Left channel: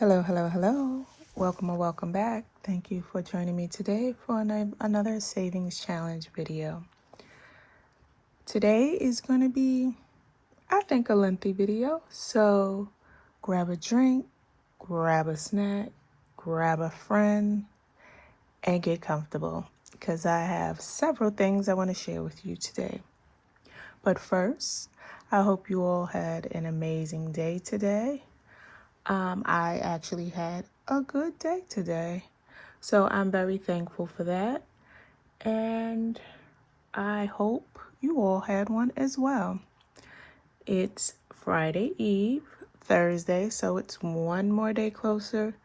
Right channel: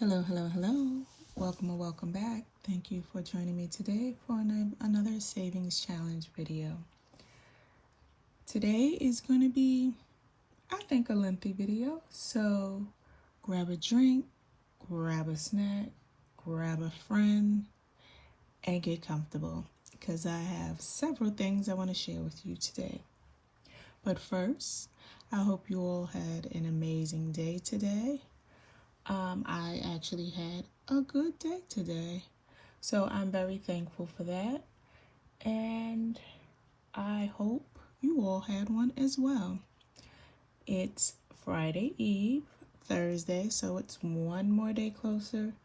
Hello, hello, hello. Welcome or welcome back. Thank you for joining me today for another savings challenge video. Today is going to be, I think, a lengthy video. So grab a drink, grab a snack, grab a friend, and get comfortable because I have several things I want to share with you today. But first, I hope you all had an amazing day today. I actually had a good day today, so I'm very thankful for that, and I hope you all had one as well. It's Friday Eve, Thursday, so it's one more day closer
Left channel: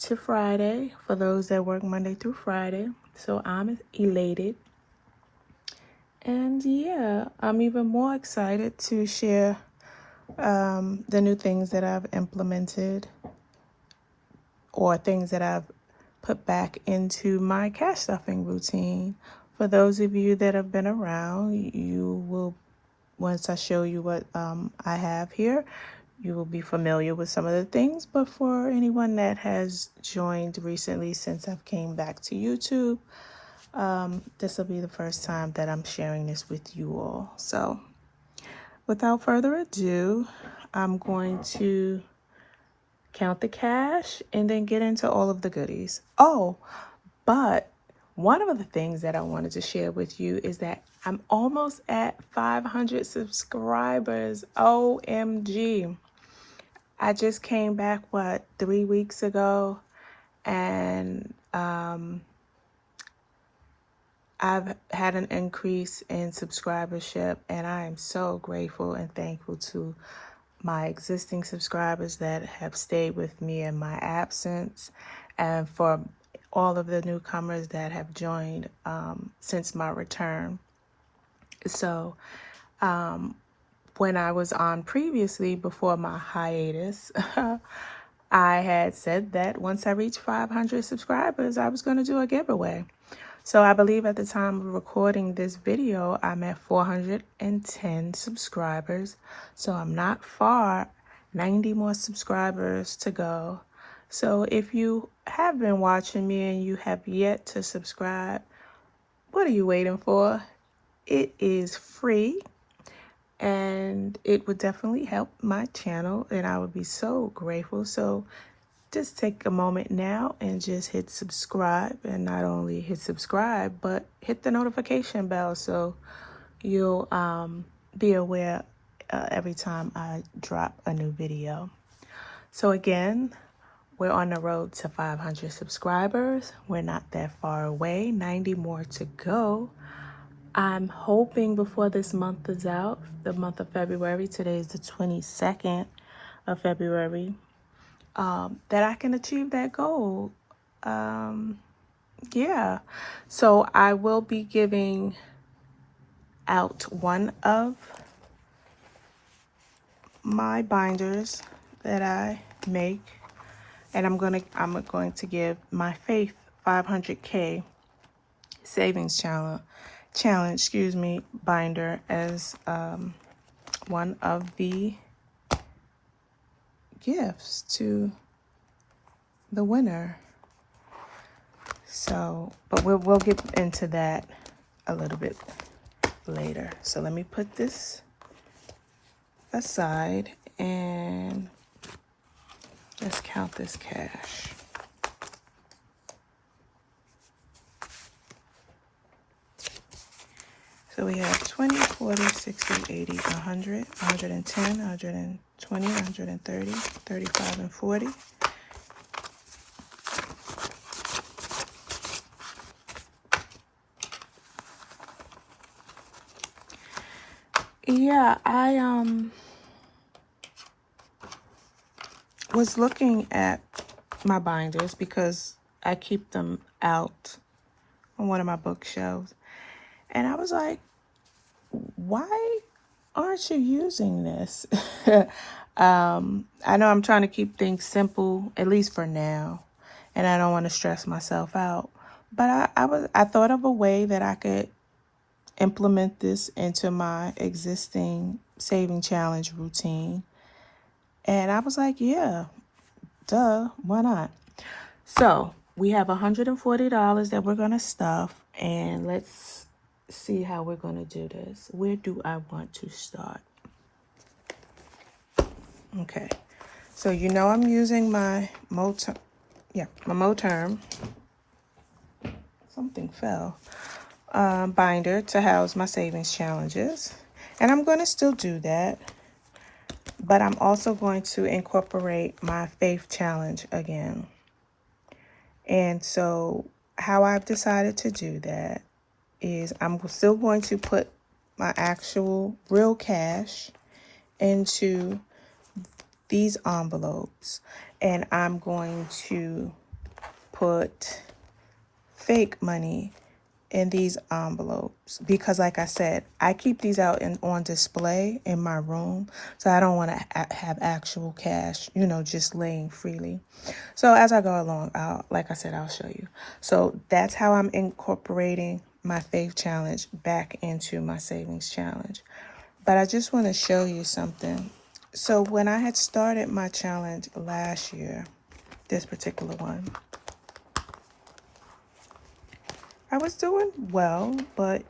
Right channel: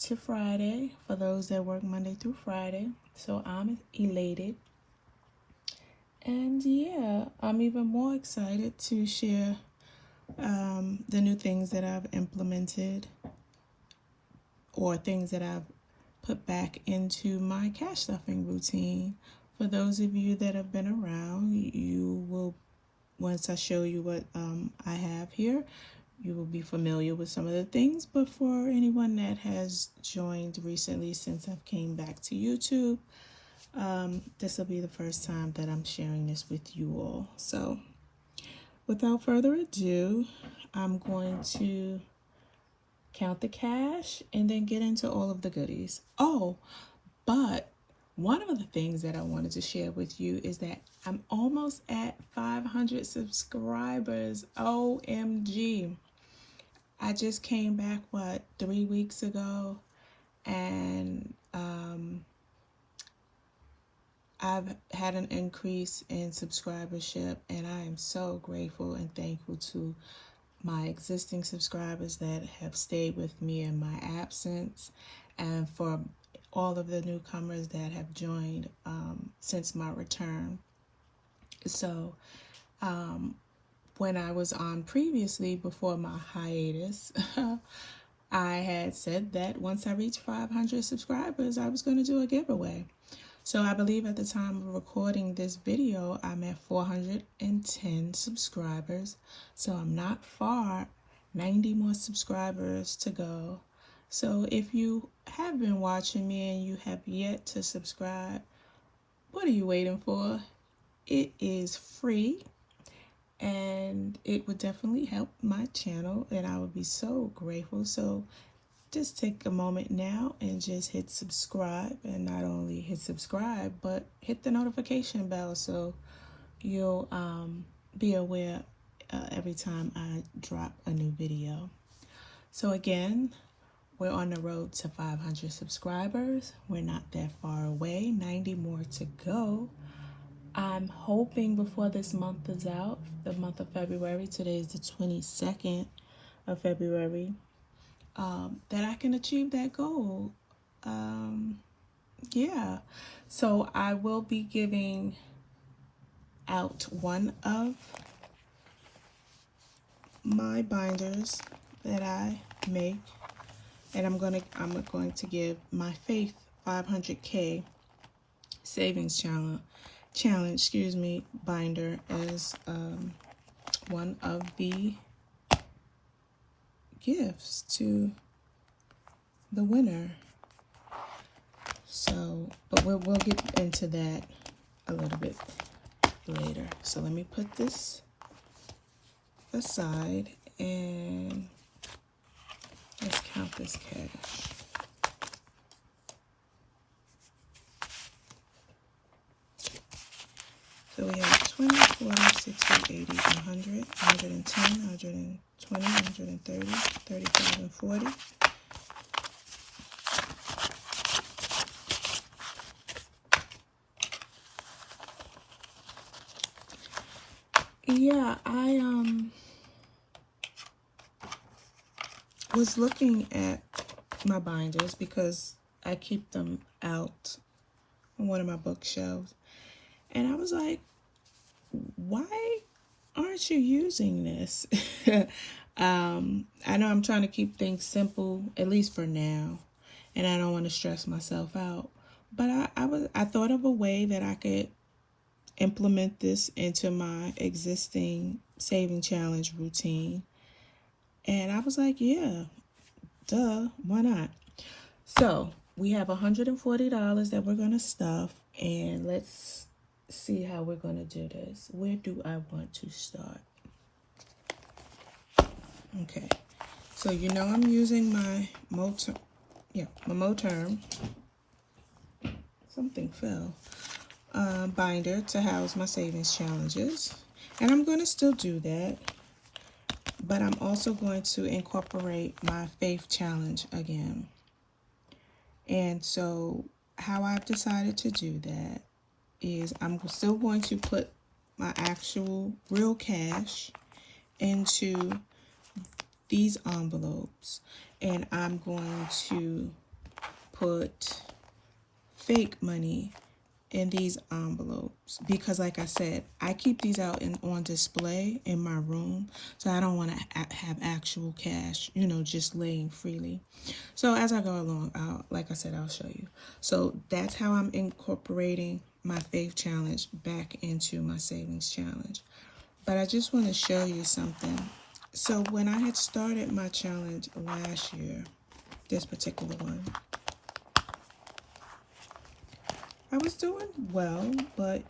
to Friday for those that work Monday through Friday, so I'm elated. And yeah, I'm even more excited to share the new things that I've implemented or things that I've put back into my cash stuffing routine. For those of you that have been around, you will, once I show you what I have here, you will be familiar with some of the things. But for anyone that has joined recently since I've came back to YouTube, this will be the first time that I'm sharing this with you all. So without further ado, I'm going to count the cash and then get into all of the goodies. Oh, but one of the things that I wanted to share with you is that I'm almost at 500 subscribers. OMG. I just came back, 3 weeks ago, and I've had an increase in subscribership, and I am so grateful and thankful to my existing subscribers that have stayed with me in my absence, and for all of the newcomers that have joined since my return. So when I was on previously before my hiatus, I had said that once I reached 500 subscribers, I was going to do a giveaway. So I believe at the time of recording this video, I'm at 410 subscribers. So I'm not far, 90 more subscribers to go. So if you have been watching me and you have yet to subscribe, what are you waiting for? It is free and it would definitely help my channel and I would be so grateful. So just take a moment now and just hit subscribe, and not only hit subscribe, but hit the notification bell so you'll be aware every time I drop a new video. So again, we're on the road to 500 subscribers. We're not that far away, 90 more to go. I'm hoping before this month is out, the month of February, today is the 22nd of February, that I can achieve that goal. Yeah, so I will be giving out one of my binders that I make, and I'm going to give my Faith 500K savings challenge, binder as one of the gifts to the winner. So, but we'll get into that a little bit later. So let me put this aside and let's count this cash. So we have 20, 40, 60, 80, 100, 110, 120, 130, 35, and 40. Yeah, I was looking at my binders because I keep them out on one of my bookshelves. And I was like, why aren't you using this? I know I'm trying to keep things simple, at least for now, and I don't want to stress myself out. But I thought of a way that I could implement this into my existing saving challenge routine. And I was like, yeah, Duh, why not? So we have $140 that we're going to stuff, and let's see how we're going to do this. Where do I want to start? Okay, so you know I'm using my Moterm. Something fell. Binder to house my savings challenges. And I'm going to still do that. But I'm also going to incorporate my faith challenge again. And so how I've decided to do that is I'm still going to put my actual real cash into these envelopes. And I'm going to put fake money in these envelopes because, like I said, I keep these out on display in my room, so I don't want to have actual cash, just laying freely. So as I go along, I'll show you. So that's how I'm incorporating my faith challenge back into my savings challenge. But I just want to show you something. So when I had started my challenge last year, this particular one, I was doing well, but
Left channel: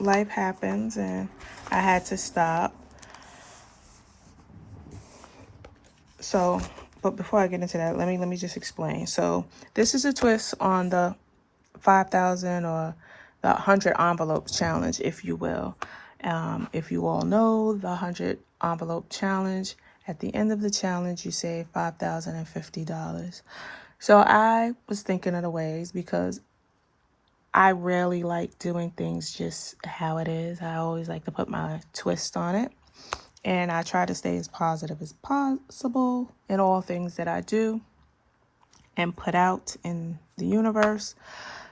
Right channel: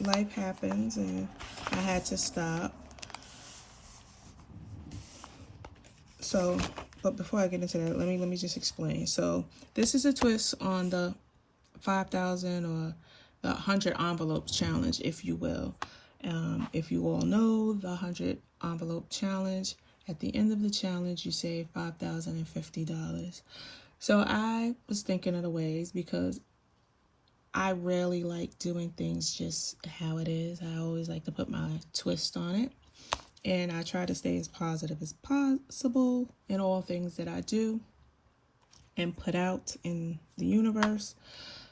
life happens and I had to stop. So, but before I get into that, let me just explain. So this is a twist on the 5,000 or the 100 envelopes challenge, if you will. If you all know the 100 envelope challenge, at the end of the challenge, you save $5,050. So I was thinking of the ways because I rarely like doing things just how it is. I always like to put my twist on it. And I try to stay as positive as possible in all things that I do and put out in the universe.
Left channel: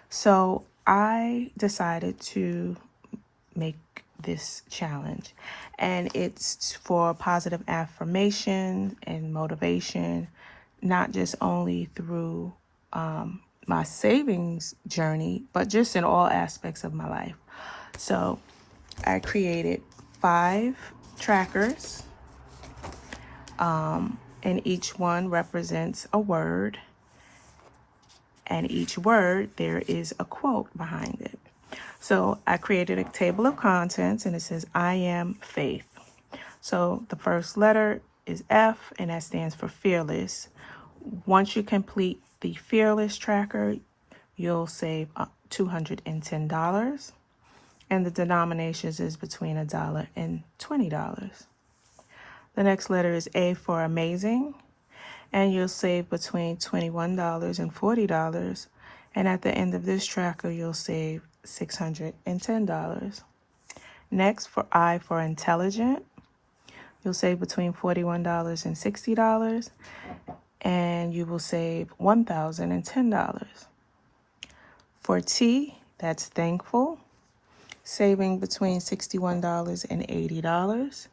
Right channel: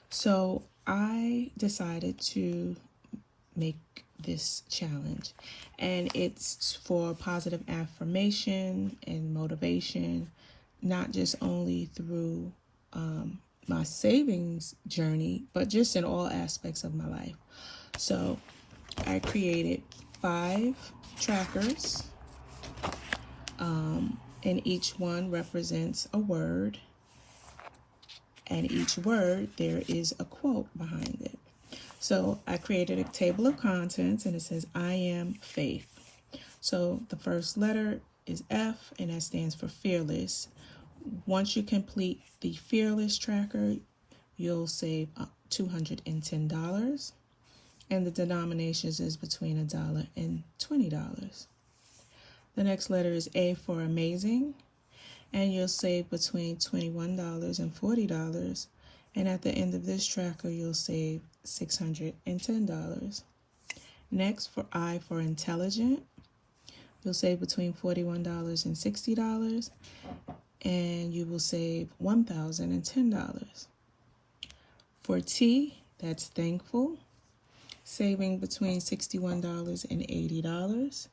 So I decided to make this challenge. And it's for positive affirmation and motivation, not just only through my savings journey, but just in all aspects of my life. So I created 5 trackers, and each one represents a word, and each word there is a quote behind it. So I created a table of contents, and it says, I am faith. So the first letter is F, and that stands for fearless. Once you complete the fearless tracker, you'll save $210. And the denominations is between $1 and $20. The next letter is A for amazing, and you'll save between $21 and $40. And at the end of this tracker, you'll save $610. Next, for I for intelligent, you'll save between $41 and $60, and you will save $1,010. For T, that's thankful, saving between $61 and $80,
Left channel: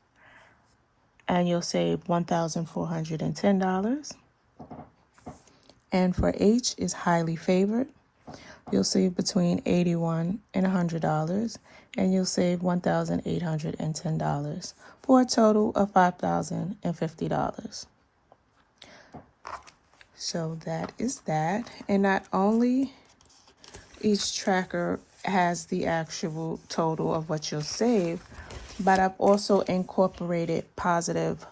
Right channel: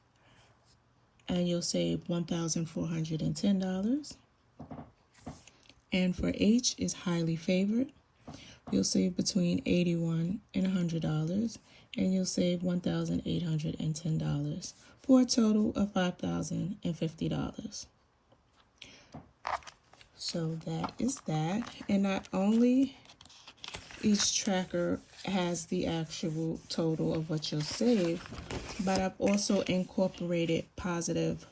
and you'll save $1,410. And for H is highly favored. You'll save between $81 and $100, and you'll save $1,810 for a total of $5,050. So that is that. And not only each tracker has the actual total of what you'll save, but I've also incorporated positive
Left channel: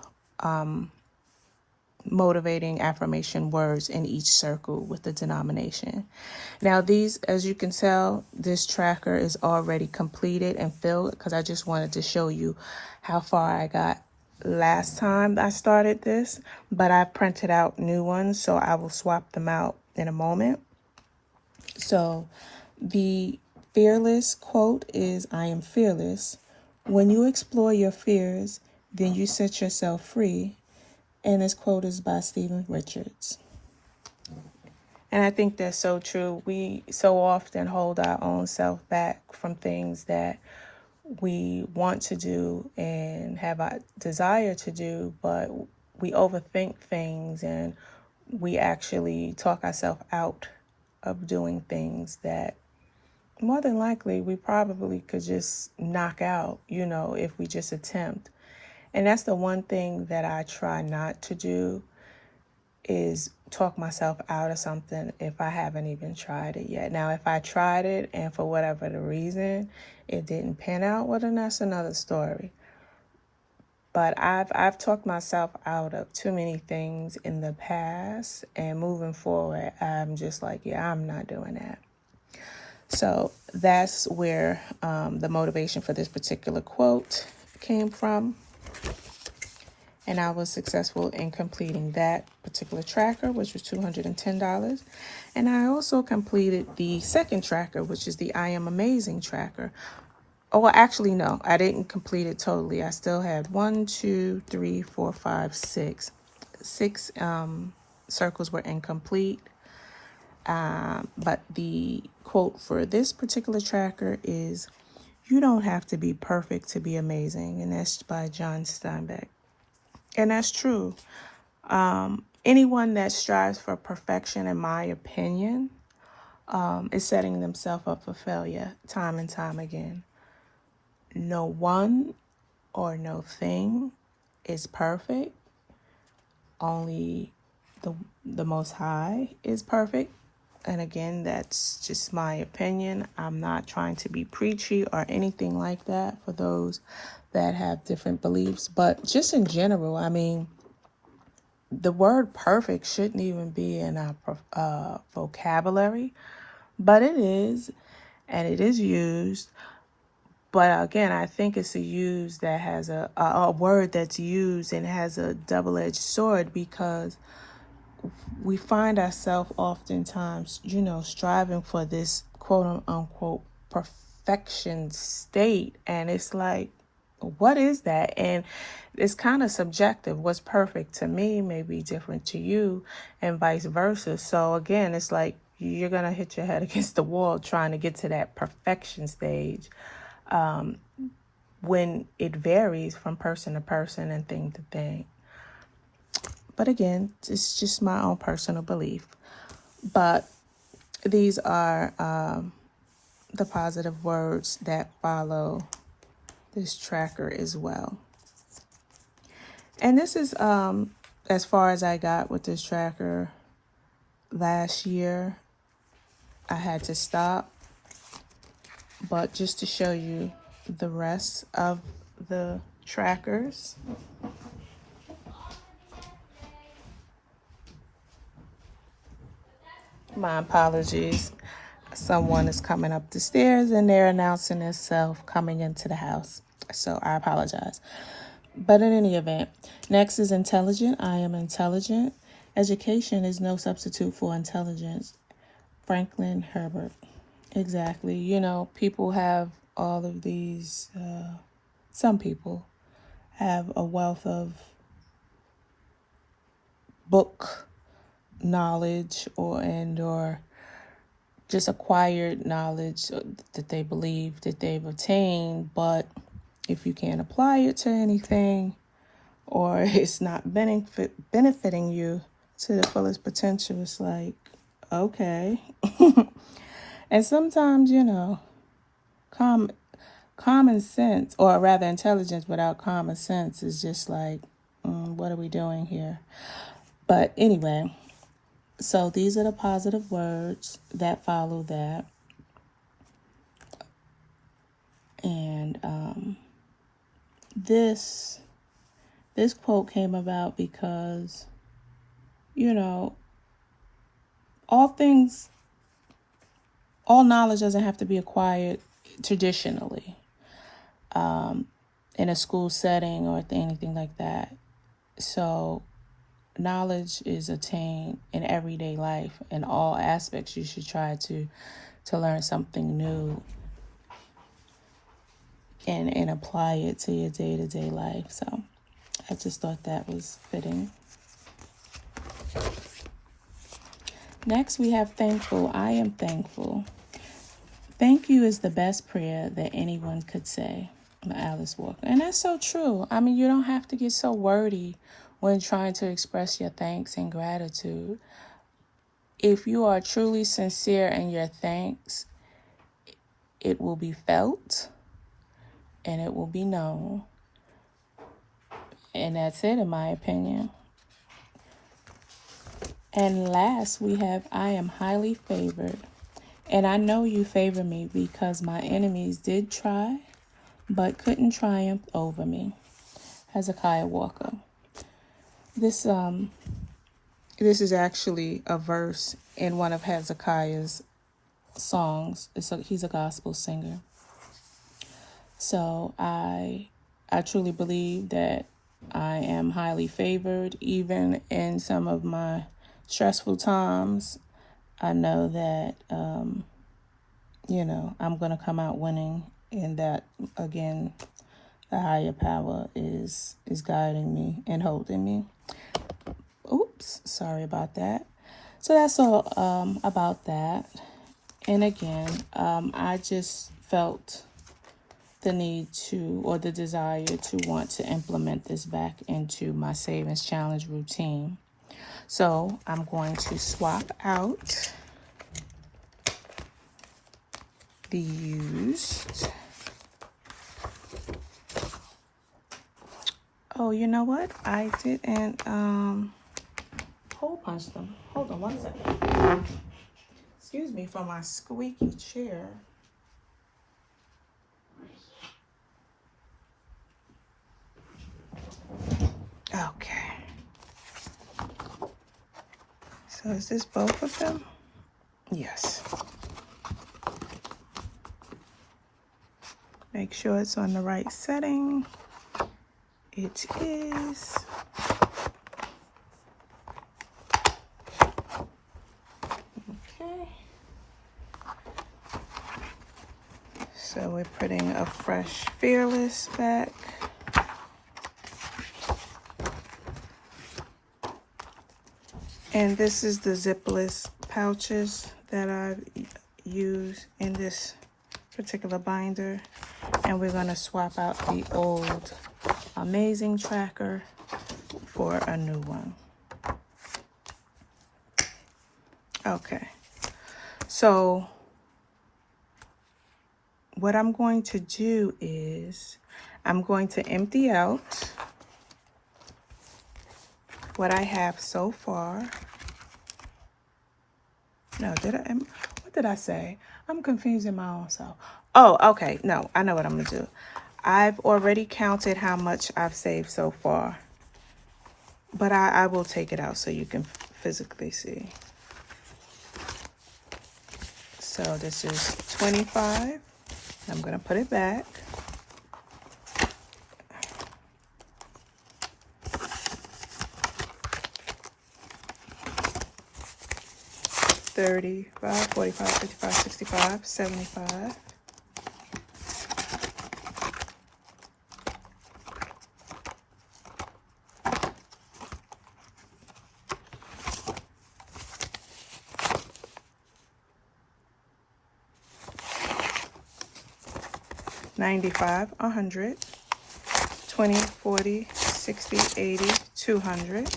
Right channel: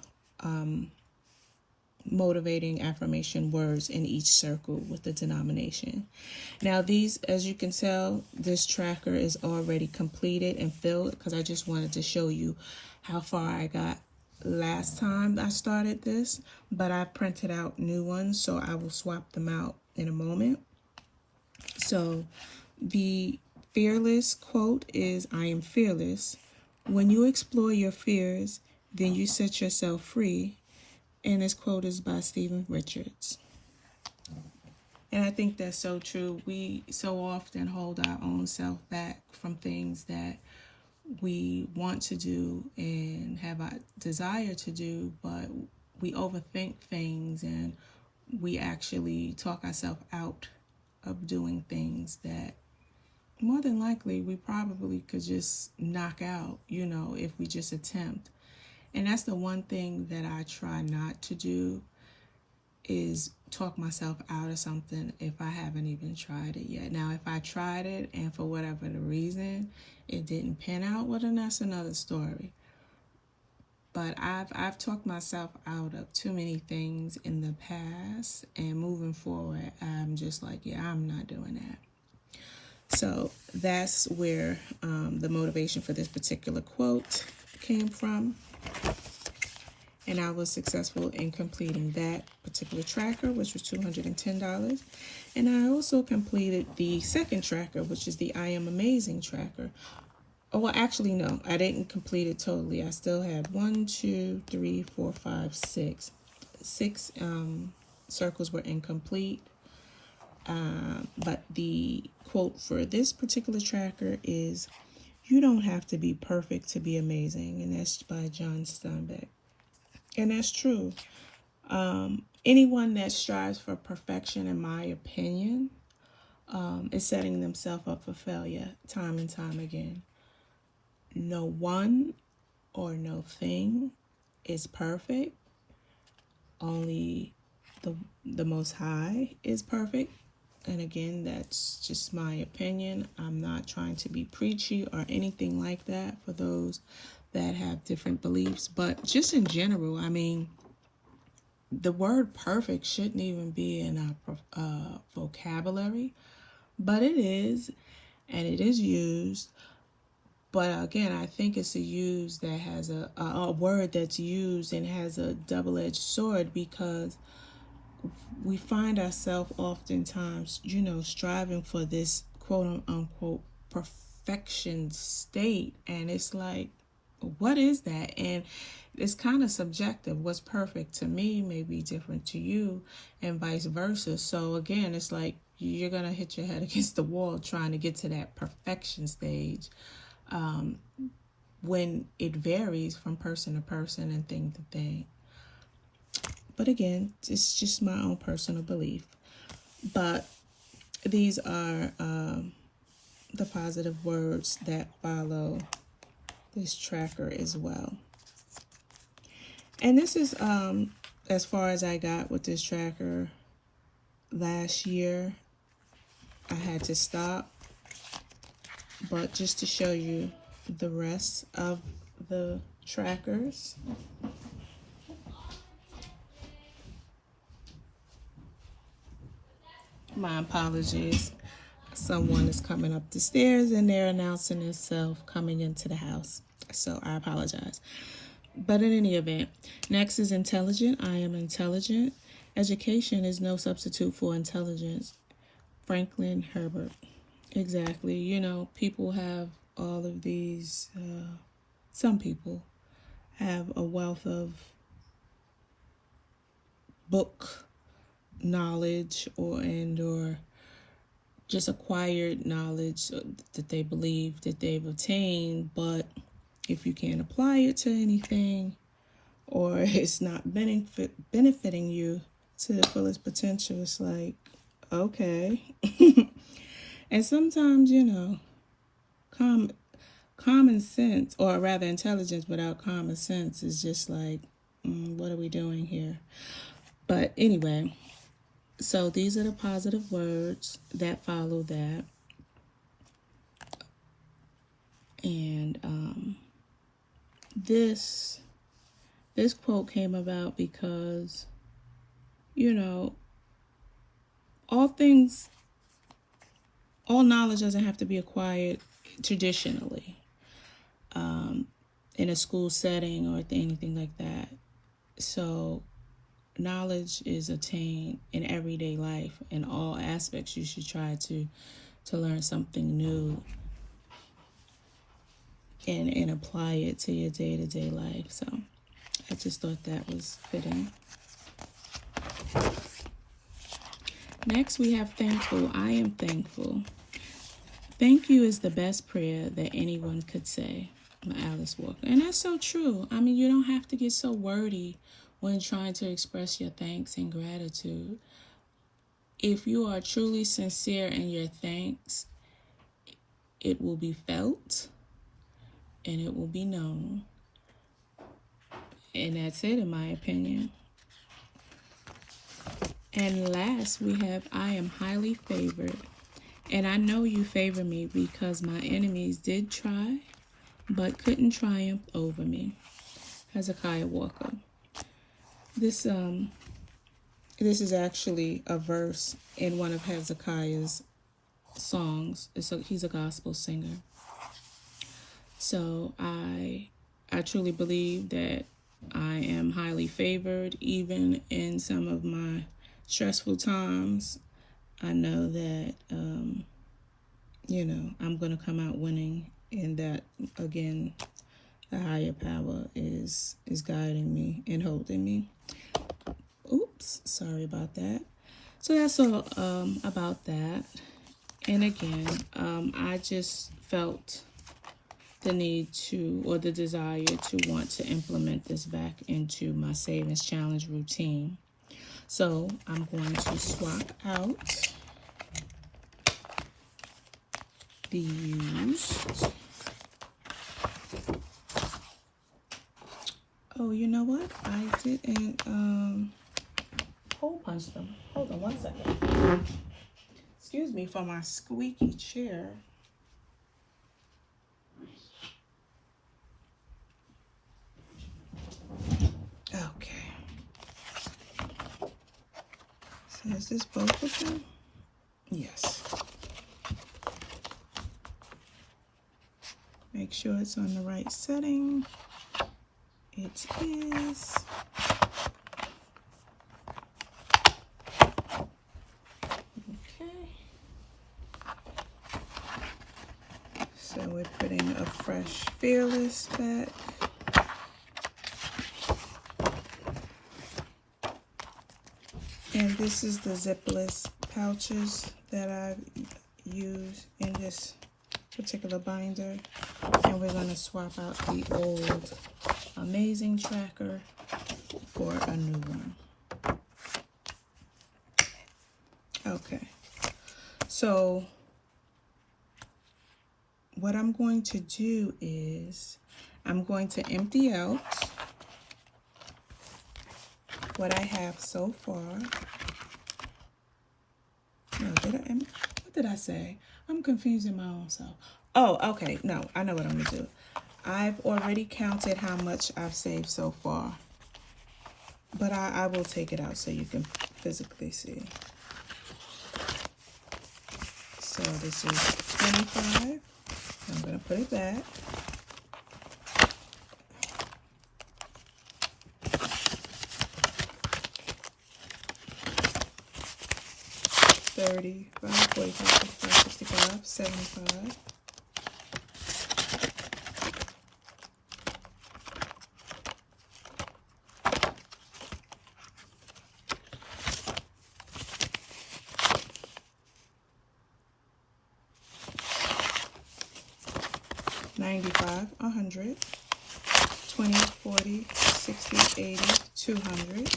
motivating affirmation words in each circle with the denomination. Now these, as you can tell, this tracker is already completed and filled because I just wanted to show you how far I got last time I started this, but I printed out new ones, so I will swap them out in a moment. So the fearless quote is, I am fearless. When you explore your fears, then you set yourself free. And this quote is by Stephen Richards. And I think that's so true. We so often hold our own self back from things that we want to do and have a desire to do, but we overthink things and we actually talk ourselves out of doing things that more than likely we probably could just knock out, if we just attempt. And that's the one thing that I try not to do is talk myself out of something if I haven't even tried it yet. Now, if I tried it and for whatever the reason it didn't pan out, well, then that's another story. But I've talked myself out of too many things in the past, and moving forward, I'm just like, yeah, I'm not doing that. So that's where the motivation for this particular quote came from. And I was successful in completing that particular tracker, which was $210. And I also completed the second tracker, which is the I Am Amazing tracker. Oh, well, actually, no, I didn't complete it totally. I still had 1, 2, 3, 4, 5, 6. Six circles were incomplete. But the quote for this particular tracker is, "You don't have to be perfect to be amazing." And that's by John Steinbeck. And that's true. Anyone that strives for perfection, in my opinion, is setting themselves up for failure time and time again. No one or no thing is perfect. Only the Most High is perfect. And again, that's just my opinion. I'm not trying to be preachy or anything like that for those that have different beliefs. But just in general, I mean, the word perfect shouldn't even be in our vocabulary, but it is, and it is used. But again, I think it's a use that has a word that's used and has a double-edged sword, because we find ourselves oftentimes, striving for this quote unquote perfection state. And it's like, what is that? And it's kind of subjective. What's perfect to me may be different to you, and vice versa. So again, it's like you're going to hit your head against the wall trying to get to that perfection stage, when it varies from person to person and thing to thing. But again, it's just my own personal belief. But these are the positive words that follow this tracker as well. And this is as far as I got with this tracker. Last year, I had to stop. But just to show you the rest of the trackers. My apologies. Someone is coming up the stairs and they're announcing themselves coming into the house. So I apologize. But in any event, next is intelligent. I am intelligent. Education is no substitute for intelligence. Franklin Herbert. Exactly. People have all of these, some people have a wealth of book knowledge or just acquired knowledge that they believe that they've attained, but if you can't apply it to anything, or it's not benefiting you to the fullest potential, it's like, okay. And sometimes, common sense, or rather intelligence without common sense, is just like, what are we doing here? But anyway, so these are the positive words that follow that. And this quote came about because, all knowledge doesn't have to be acquired traditionally, in a school setting or anything like that. So knowledge is attained in everyday life. In all aspects, you should try to learn something new and apply it to your day-to-day life. So I just thought that was fitting. Next, we have thankful. I am thankful. Thank you is the best prayer that anyone could say. Alice Walker. And that's so true. I mean, you don't have to get so wordy when trying to express your thanks and gratitude. If you are truly sincere in your thanks, it will be felt and it will be known. And that's it, in my opinion. And last, we have I am highly favored. And I know you favor me because my enemies did try, but couldn't triumph over me. Hezekiah Walker. This is actually a verse in one of Hezekiah's songs. He's a gospel singer. So I truly believe that I am highly favored, even in some of my stressful times. I know that, I'm going to come out winning, and that, again, the higher power is guiding me and holding me. Oops, sorry about that. So that's all about that. And again, I just felt the need to, or the desire to want to implement this back into my savings challenge routine. So I'm going to swap out the used. Oh, you know what? I didn't hole punch them. Hold on one second. Excuse me for my squeaky chair. Okay. So is this both of them? Yes. Make sure it's on the right setting. It is. Okay. So we're putting a fresh Fearless back. And this is the zipless pouches that I've used in this particular binder. And we're going to swap out the old Amazing Tracker for a new one. Okay. So what I'm going to do is I'm going to empty out what I have so far. No, what did I say? I'm confusing my own self. Oh, okay. No, I know what I'm going to do. I've already counted how much I've saved so far. But I will take it out so you can physically see. So this is 25. I'm going to put it back. $35, $45, $55, $65, $75. $95, $100, $20, $40, $60, $80, $200.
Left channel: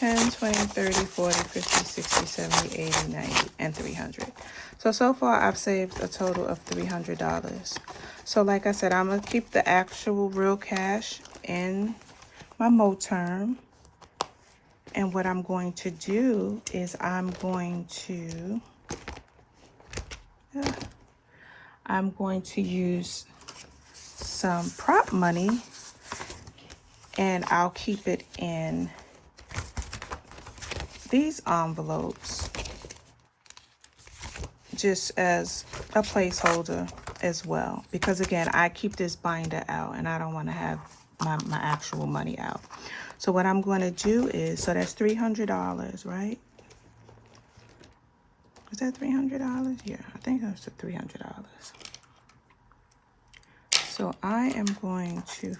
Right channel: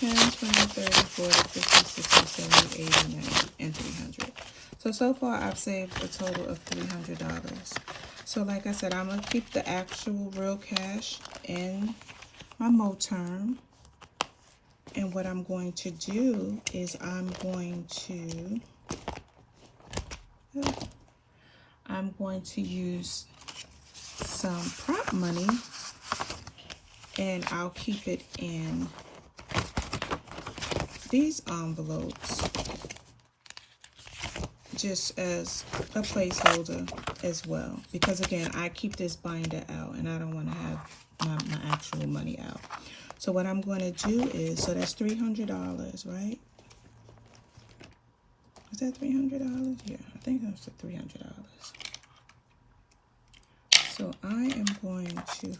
$10, $20, $30, $40, $50, $60, $70, $80, $90, and $300. So far I've saved a total of $300. So like I said, I'm going to keep the actual real cash in my Moterm. And what I'm going to do is I'm going to use some prop money, and I'll keep it in these envelopes just as a placeholder as well, because again, I keep this binder out and I don't want to have my actual money out. So what I'm going to do is, so that's $300, right? Is that $300? Yeah, I think that's the $300. So I am going to,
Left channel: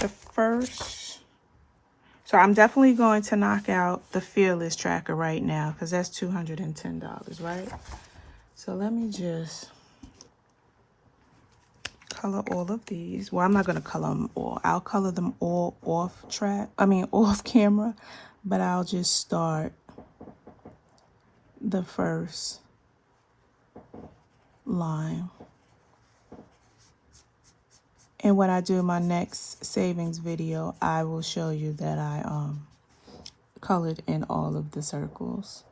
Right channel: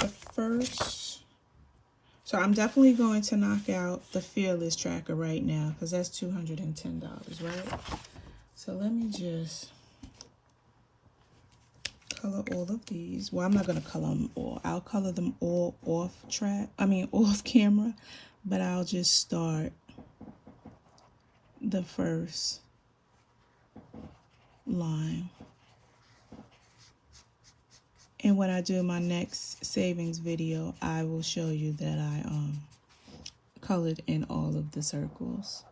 the first, so I'm definitely going to knock out the Fearless Tracker right now, because that's $210, right? So let me just color all of these. Well, I'm not going to color them all. I'll color them all off camera, but I'll just start the first line. And when I do my next savings video, I will show you that I colored in all of the circles.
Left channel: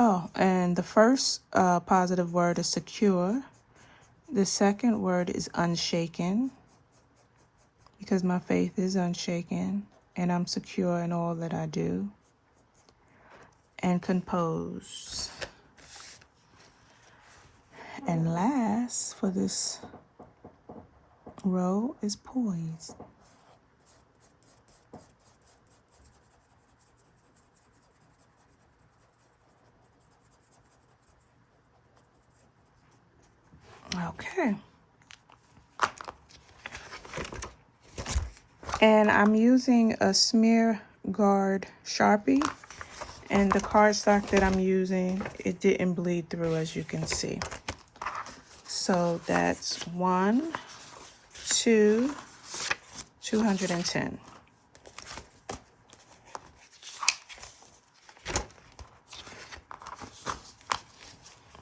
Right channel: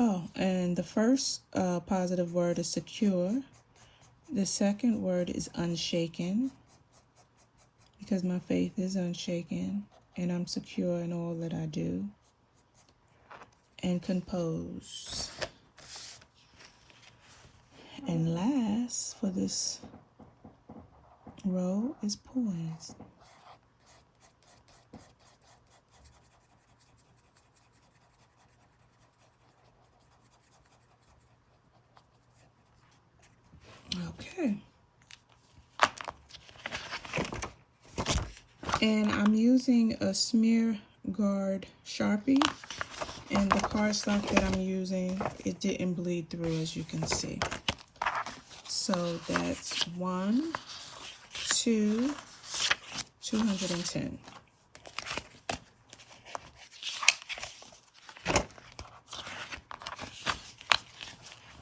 Oh, and the first positive word is secure. The second word is unshaken, because my faith is unshaken and I'm secure in all that I do. And composed. And last for this row is poised. Okay. And I'm using a smear guard Sharpie, and the cardstock that I'm using, it didn't bleed through, as you can see. So that's 1, 2, 210.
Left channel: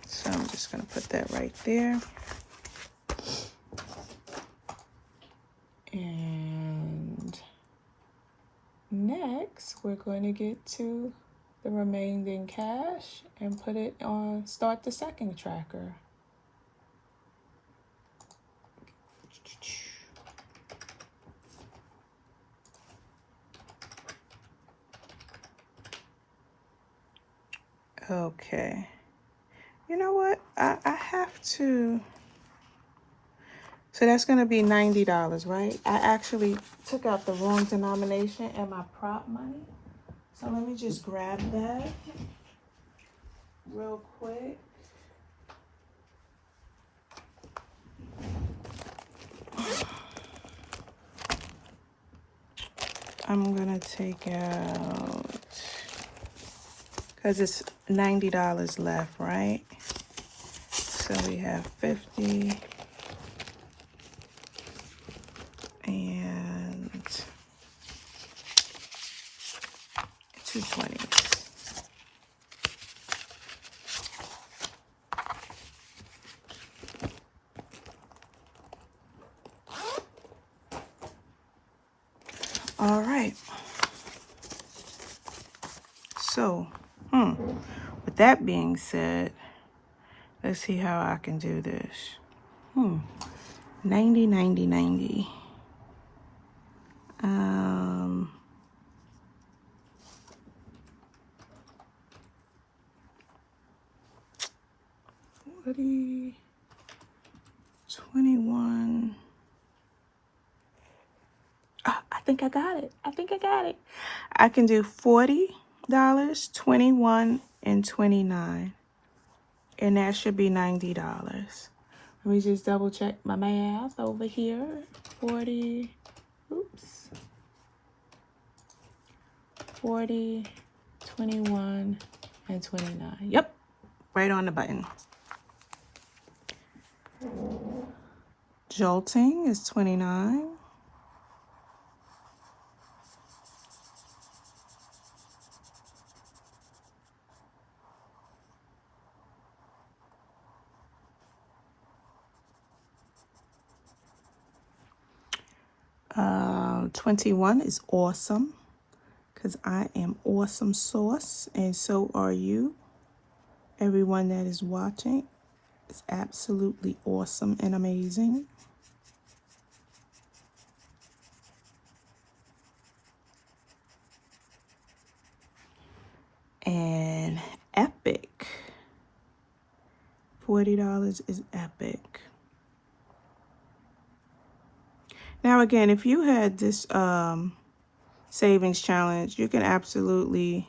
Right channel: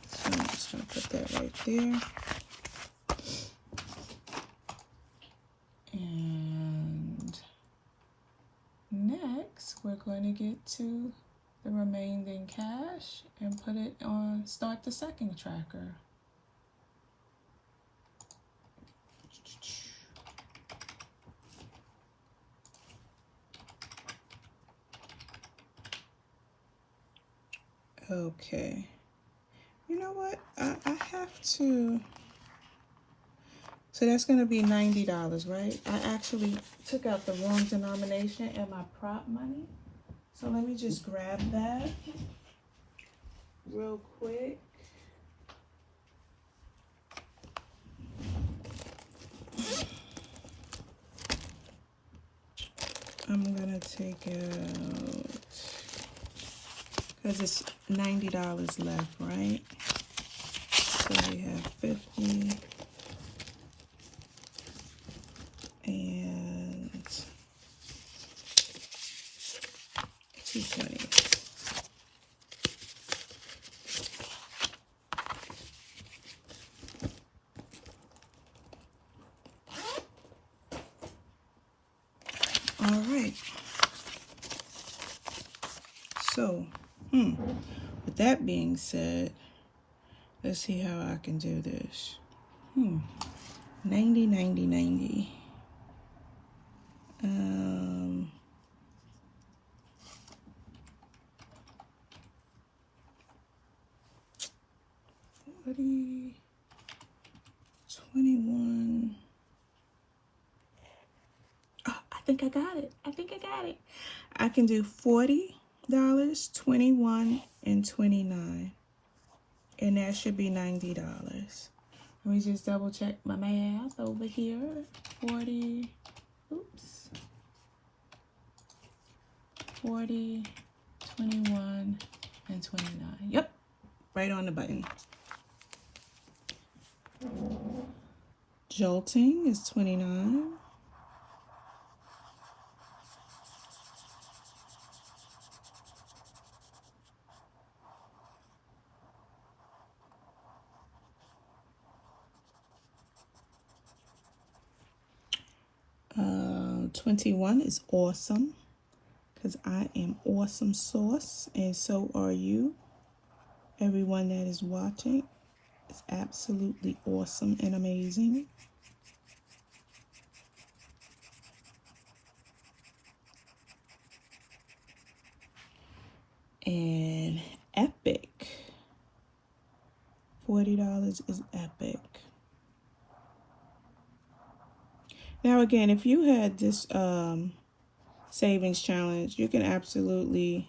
So I'm just going to put that right there. And next, we're going to get to the remaining cash and put it on, start the second tracker. Okay. You know what? I have to. So that's going to be $90, right? I actually took out the wrong denomination in my prop money. So let me just grab that real quick. I'm going to take out, because it's $90 left, right? So we have 50 and 220. All right. So, with that being said, let's see how I can do this. 90, 90, 90. What 21. I think I got it. I can do $40, 21, and 29. And that should be $90. Let me just double check my math over here. 40, 21, and 29. Yep, right on the button. Jolting is 29. Uh, 21 is awesome, because I am awesome sauce, and so are you. Everyone that is watching is absolutely awesome and amazing. And epic. $40 is epic. Now again, if you had this savings challenge, you can absolutely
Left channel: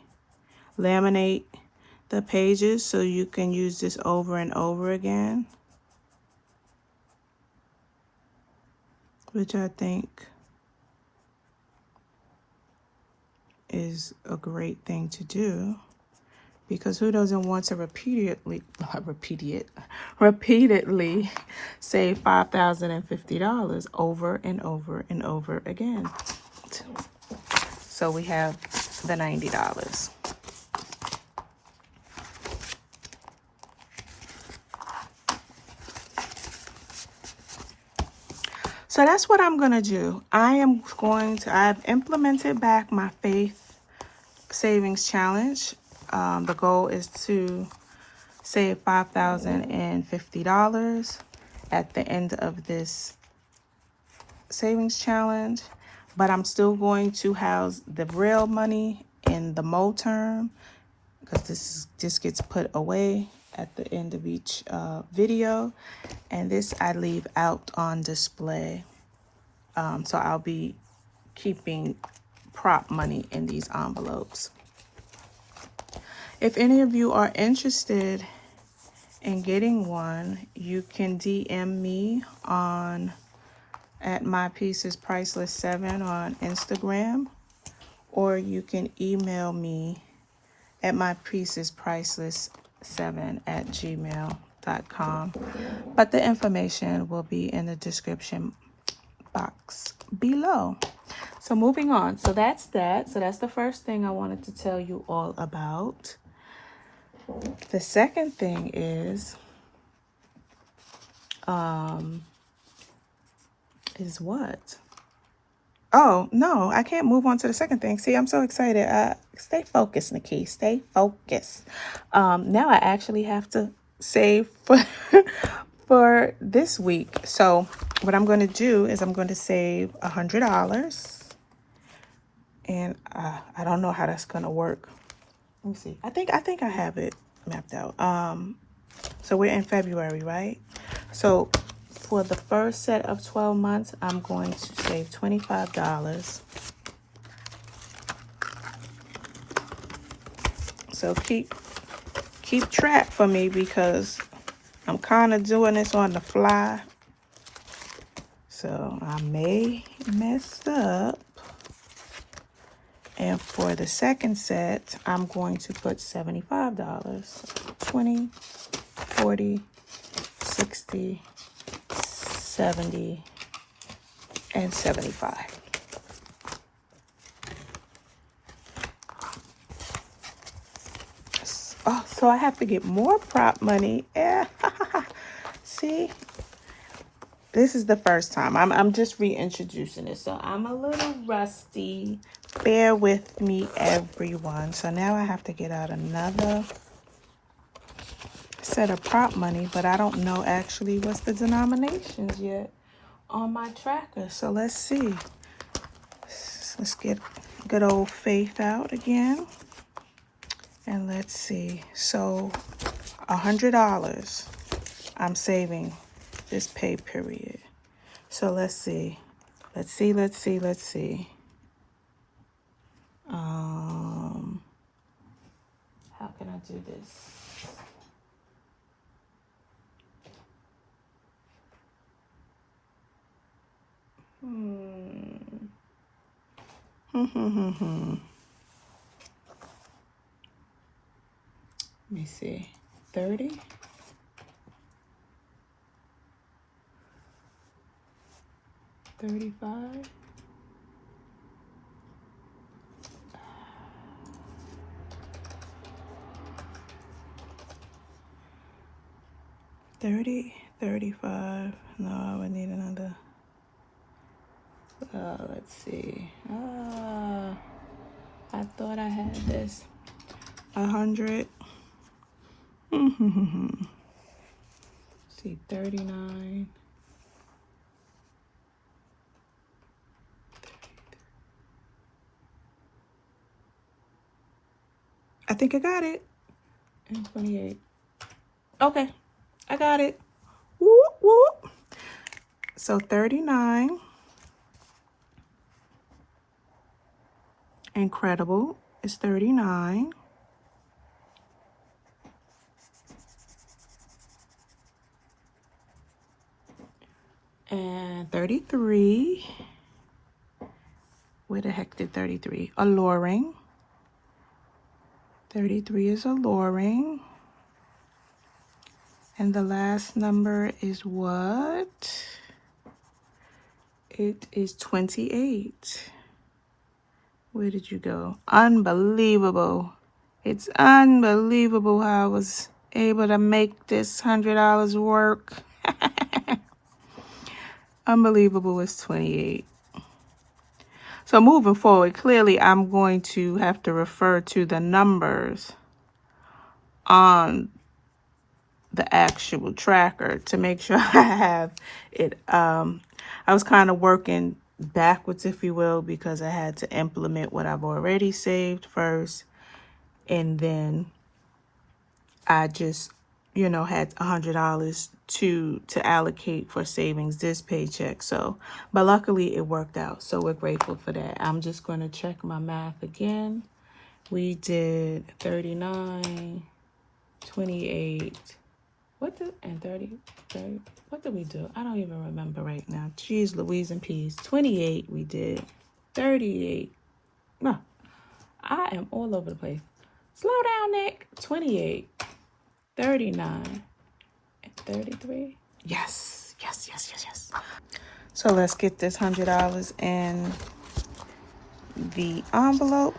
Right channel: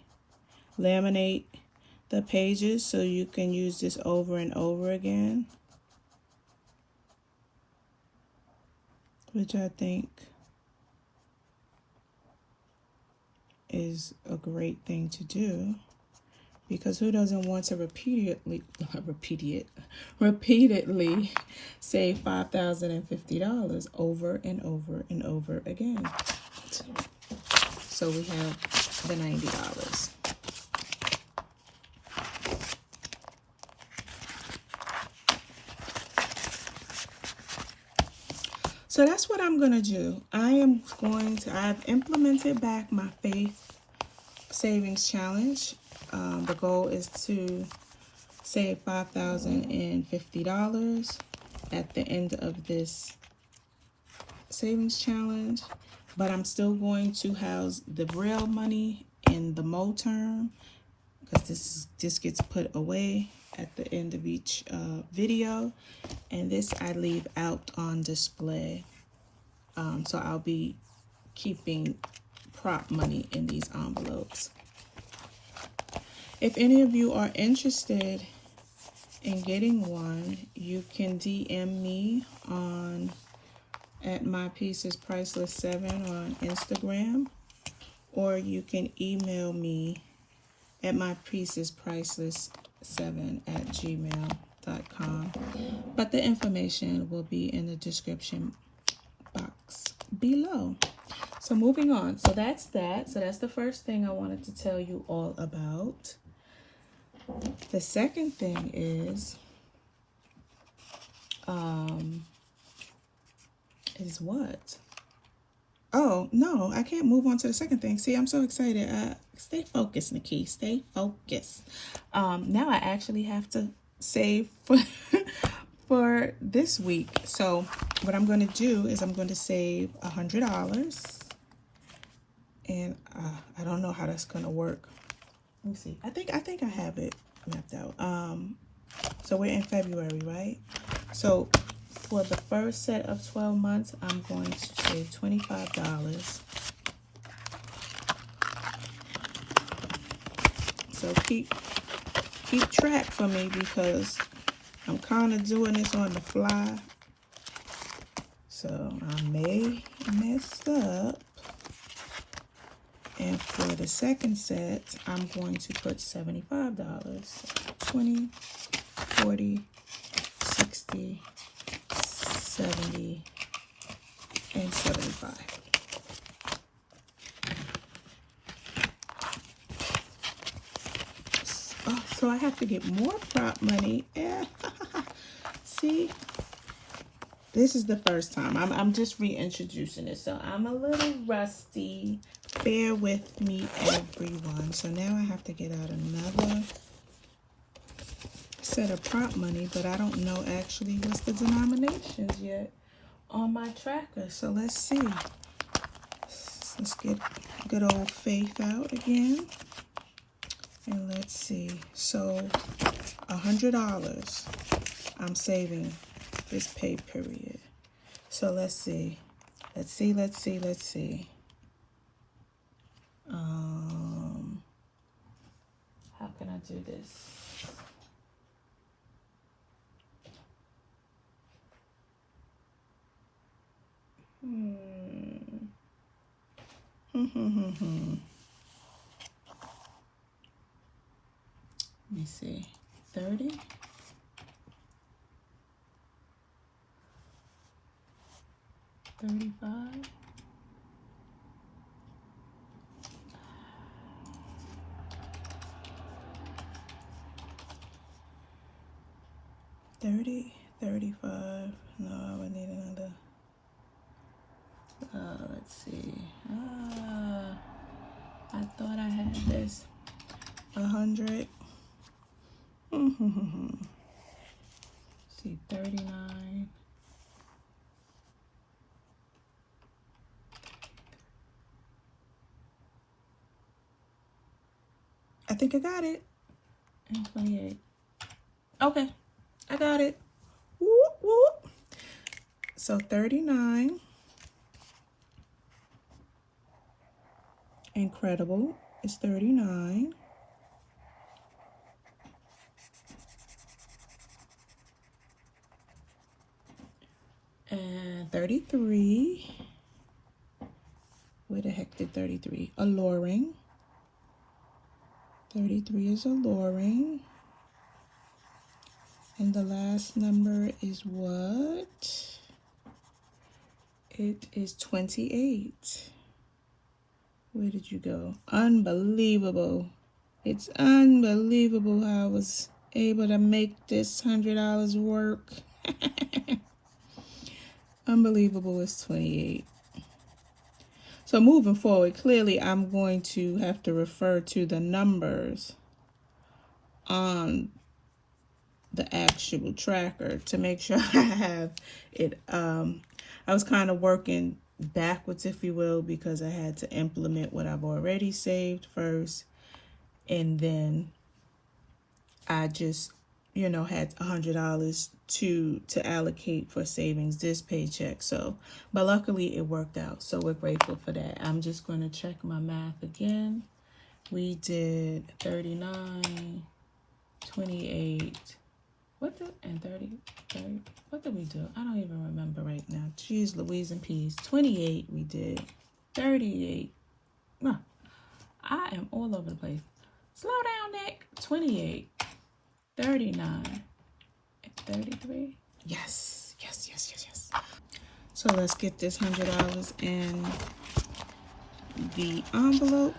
laminate the pages so you can use this over and over again, which I think is a great thing to do. because who doesn't want to repeatedly save $5,050 over and over and over again? So we have the $90. So that's what I'm going to do. I've implemented back my faith savings challenge. The goal is to save $5,050 at the end of this savings challenge, but I'm still going to house the real money in the Mo term, because this just gets put away at the end of each video, and this I leave out on display. So I'll be keeping prop money in these envelopes. If any of you are interested in getting one, you can DM me at mypiecespriceless7 on Instagram, or you can email me at mypiecespriceless7@gmail.com. But the information will be in the description box below. So moving on. So that's that. So that's the first thing I wanted to tell you all about. The second thing is what? Oh, no, I can't move on to the second thing. See, I'm so excited. Stay focused, Nikki. Stay focused. Now I actually have to save for this week. So what I'm going to do is I'm going to save $100. And I don't know how that's going to work. Let me see. I think I have it mapped out. So we're in February, right? So for the first set of 12 months, I'm going to save $25. So keep track for me, because I'm kind of doing this on the fly. So I may mess up. And for the second set, I'm going to put $75. 20, 40, 60, 70, and 75. Oh, so I have to get more prop money. Yeah. See? This is the first time. I'm just reintroducing it, so I'm a little rusty. Bear with me, everyone. So now I have to get out another set of prop money, but I don't know actually what's the denominations yet on my tracker. So let's see. Let's get good old Faith out again. And let's see. So $100 I'm saving this pay period. So let's see. Let's see. How can I do this? Let me see. 30. 35. 30, 35. No, I would need another. Let's see. I thought I had this. 100. See, 39. I think I got it. And 28. Okay, I got it. Whoop, whoop. So 39. Incredible is 39. And 33. Where the heck did 33? Alluring. 33 is alluring. And the last number is what? It is 28. Where did you go? Unbelievable. It's unbelievable how I was able to make this $100 work. Unbelievable. It's 28. So moving forward, clearly I'm going to have to refer to the numbers on the actual tracker to make sure I have it. I was kind of working backwards, if you will, because I had to implement what I've already saved first. And then I just, you know, had $100 to allocate for savings this paycheck. So, but luckily it worked out. So we're grateful for that. I'm just going to check my math again. We did 39, 28, and 30, what did we do? I don't even remember right now. Jeez Louise and peas. 28 we did. 38. No, I am all over the place. Slow down, Nick. 28, 39, and 33. Yes. So let's get this $100 in the envelope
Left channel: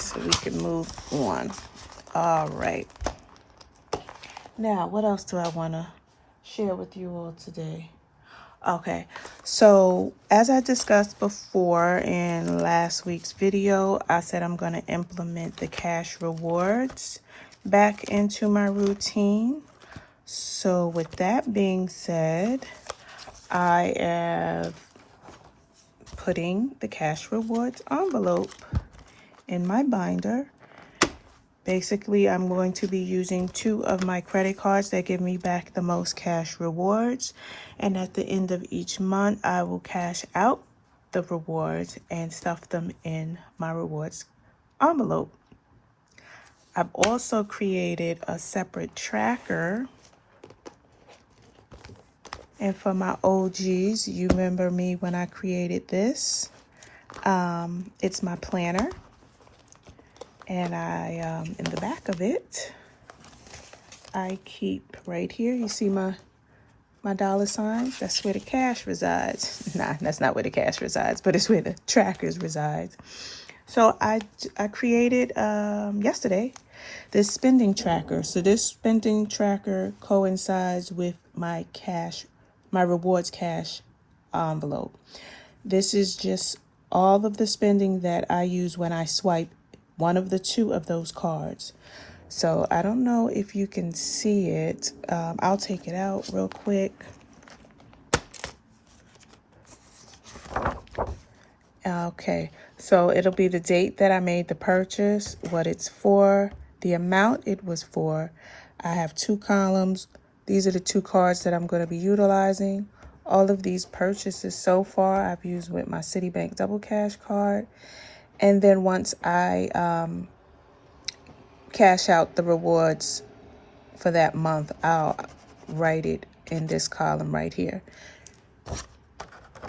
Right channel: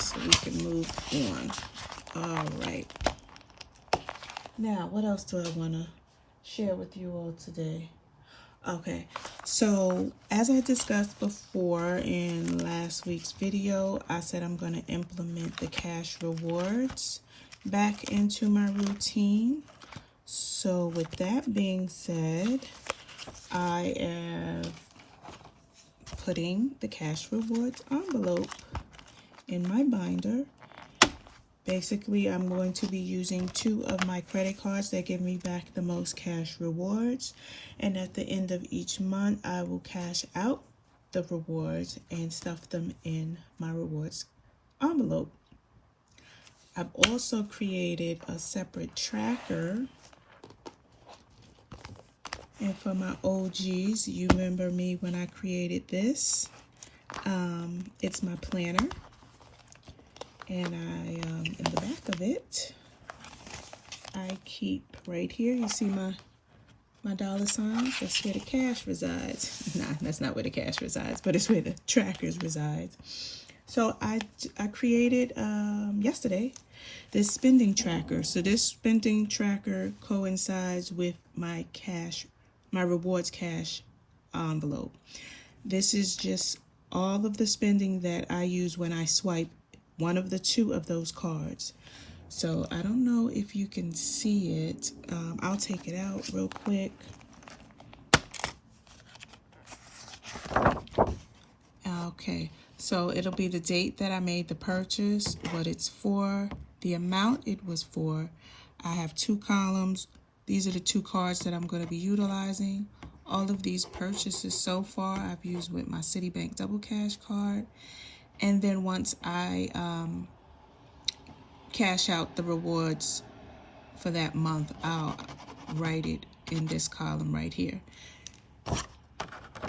so we can move on. All right. Now, what else do I want to share with you all today? Okay, so as I discussed before in last week's video, I said I'm going to implement the cash rewards back into my routine. So with that being said, I am putting the cash rewards envelope in my binder. Basically, I'm going to be using 2 of my credit cards that give me back the most cash rewards. And at the end of each month, I will cash out the rewards and stuff them in my rewards envelope. I've also created a separate tracker. And for my OGs, you remember me when I created this. It's my planner. And I, in the back of it, I keep right here, you see my dollar signs? That's where the cash resides. Nah, that's not where the cash resides, but it's where the trackers resides. So I created yesterday this spending tracker. So this spending tracker coincides with my rewards cash envelope. This is just all of the spending that I use when I swipe one of the 2 of those cards. So I don't know if you can see it. I'll take it out real quick. Okay, so it'll be the date that I made the purchase, what it's for, the amount it was for. I have 2 columns. These are the 2 cards that I'm going to be utilizing. All of these purchases so far I've used with my Citibank Double Cash card. And then once I cash out the rewards for that month, I'll write it in this column right here.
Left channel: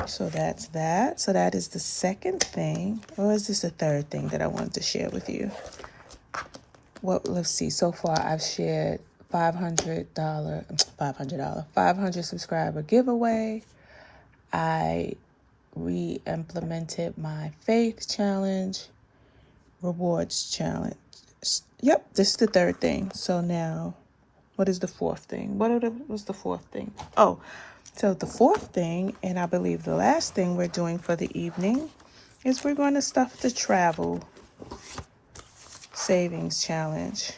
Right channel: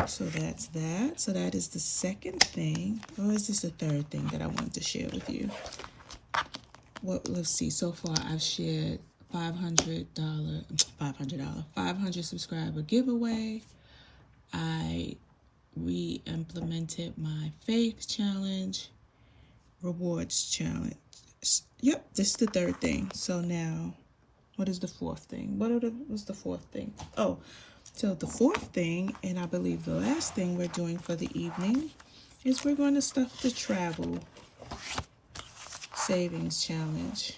So that's that. So that is the second thing. Or is this the third thing that I wanted to share with you? Well, let's see. So far, I've shared $500 subscriber giveaway. I re-implemented my faith challenge, rewards challenge. Yep, this is the third thing. So now, what is the fourth thing? What's the fourth thing? Oh, so the fourth thing, and I believe the last thing we're doing for the evening, is we're going to stuff the travel savings challenge.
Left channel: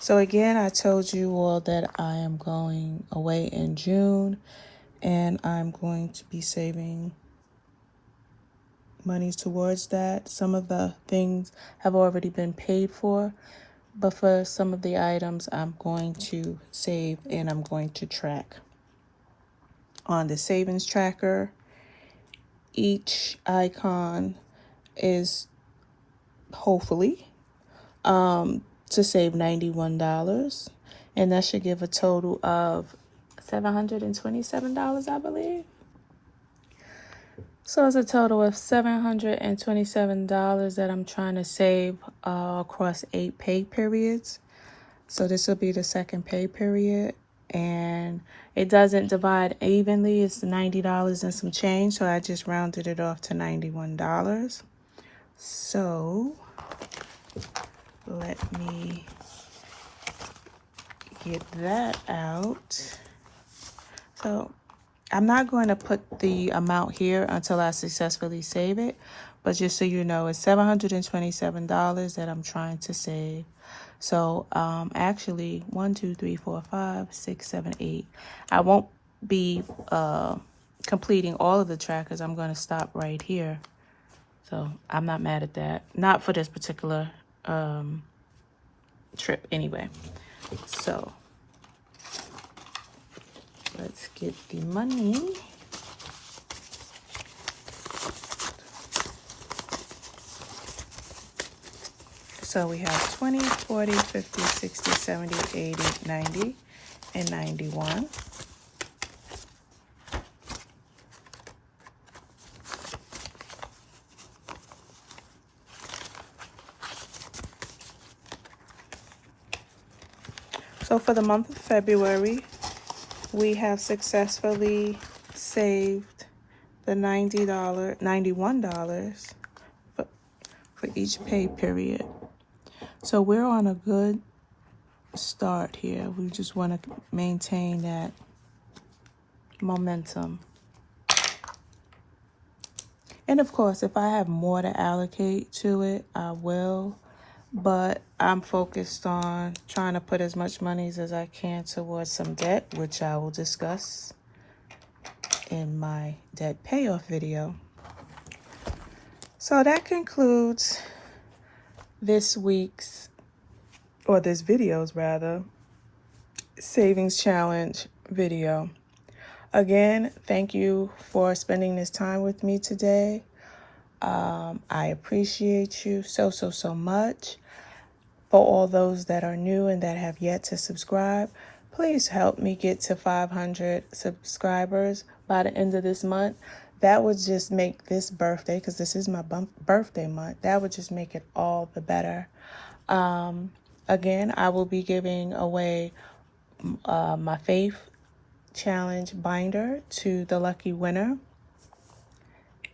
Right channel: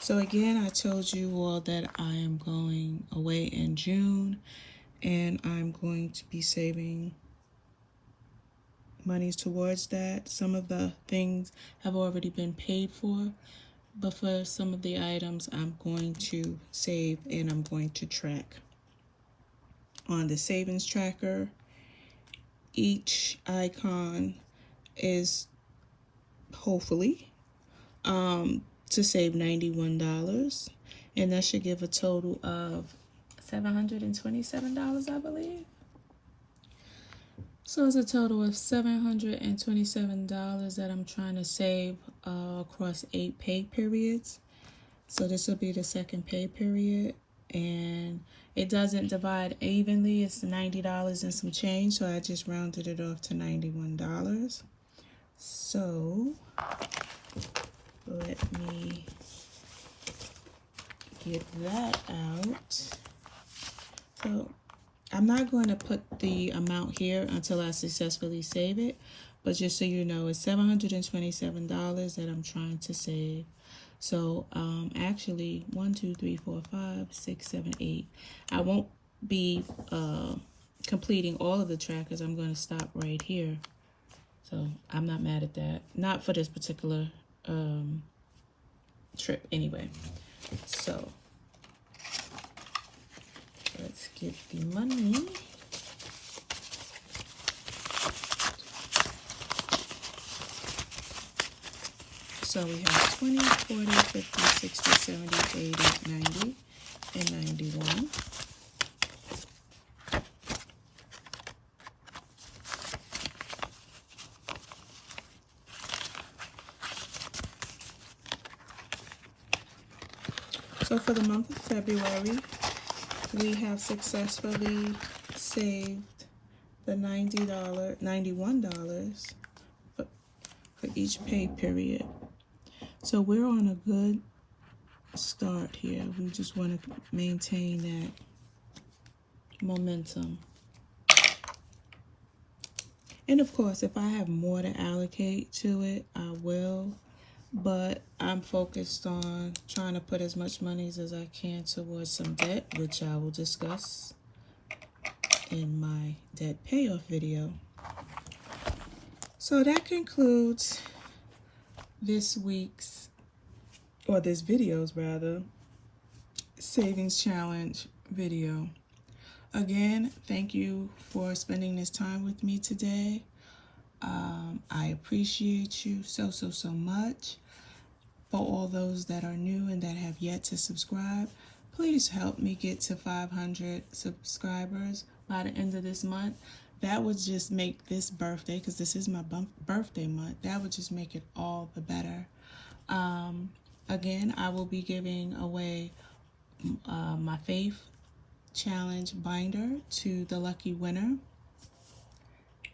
So again, I told you all that I am going away in June, and I'm going to be saving monies towards that. Some of the things have already been paid for, but for some of the items I'm going to save and I'm going to track. On the savings tracker, each icon is hopefully to save $91, and that should give a total of $727, I believe. So it's a total of $727 that I'm trying to save across 8 pay periods. So this will be the second pay period, and it doesn't divide evenly. It's $90 and some change, so I just rounded it off to $91. So let me get that out. So I'm not going to put the amount here until I successfully save it, but just so you know, it's $727 that I'm trying to save. So actually 1, 2, 3, 4, 5, 6, 7, 8. I won't be completing all of the trackers. I'm going to stop right here. So I'm not mad at that. Not for this particular trip anyway. So let's get the money. So we have 20, 40, 50, 60, 70, 80, 90, and 91. So for the month of February, we have successfully saved the $91 for each pay period. So we're on a good start here. We just want to maintain that momentum. And of course, if I have more to allocate to it, I will. But I'm focused on trying to put as much money as I can towards some debt, which I will discuss in my debt payoff video. So that concludes this video's savings challenge video. Again, thank you for spending this time with me today. I appreciate you so much. For all those that are new and that have yet to subscribe, please help me get to 500 subscribers by the end of this month. That would just make this birthday, because this is my birthday month, that would just make it all the better. Again, I will be giving away my Faith Challenge binder to the lucky winner.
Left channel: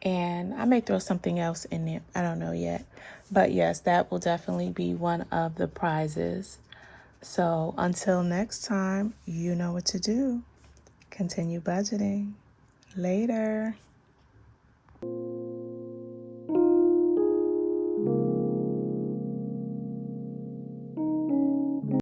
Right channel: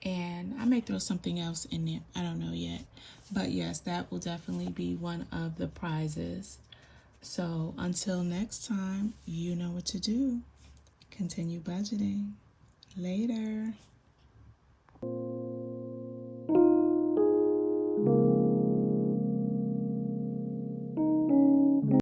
And I may throw something else in there. I don't know yet. But yes, that will definitely be one of the prizes. So until next time, you know what to do. Continue budgeting. Later.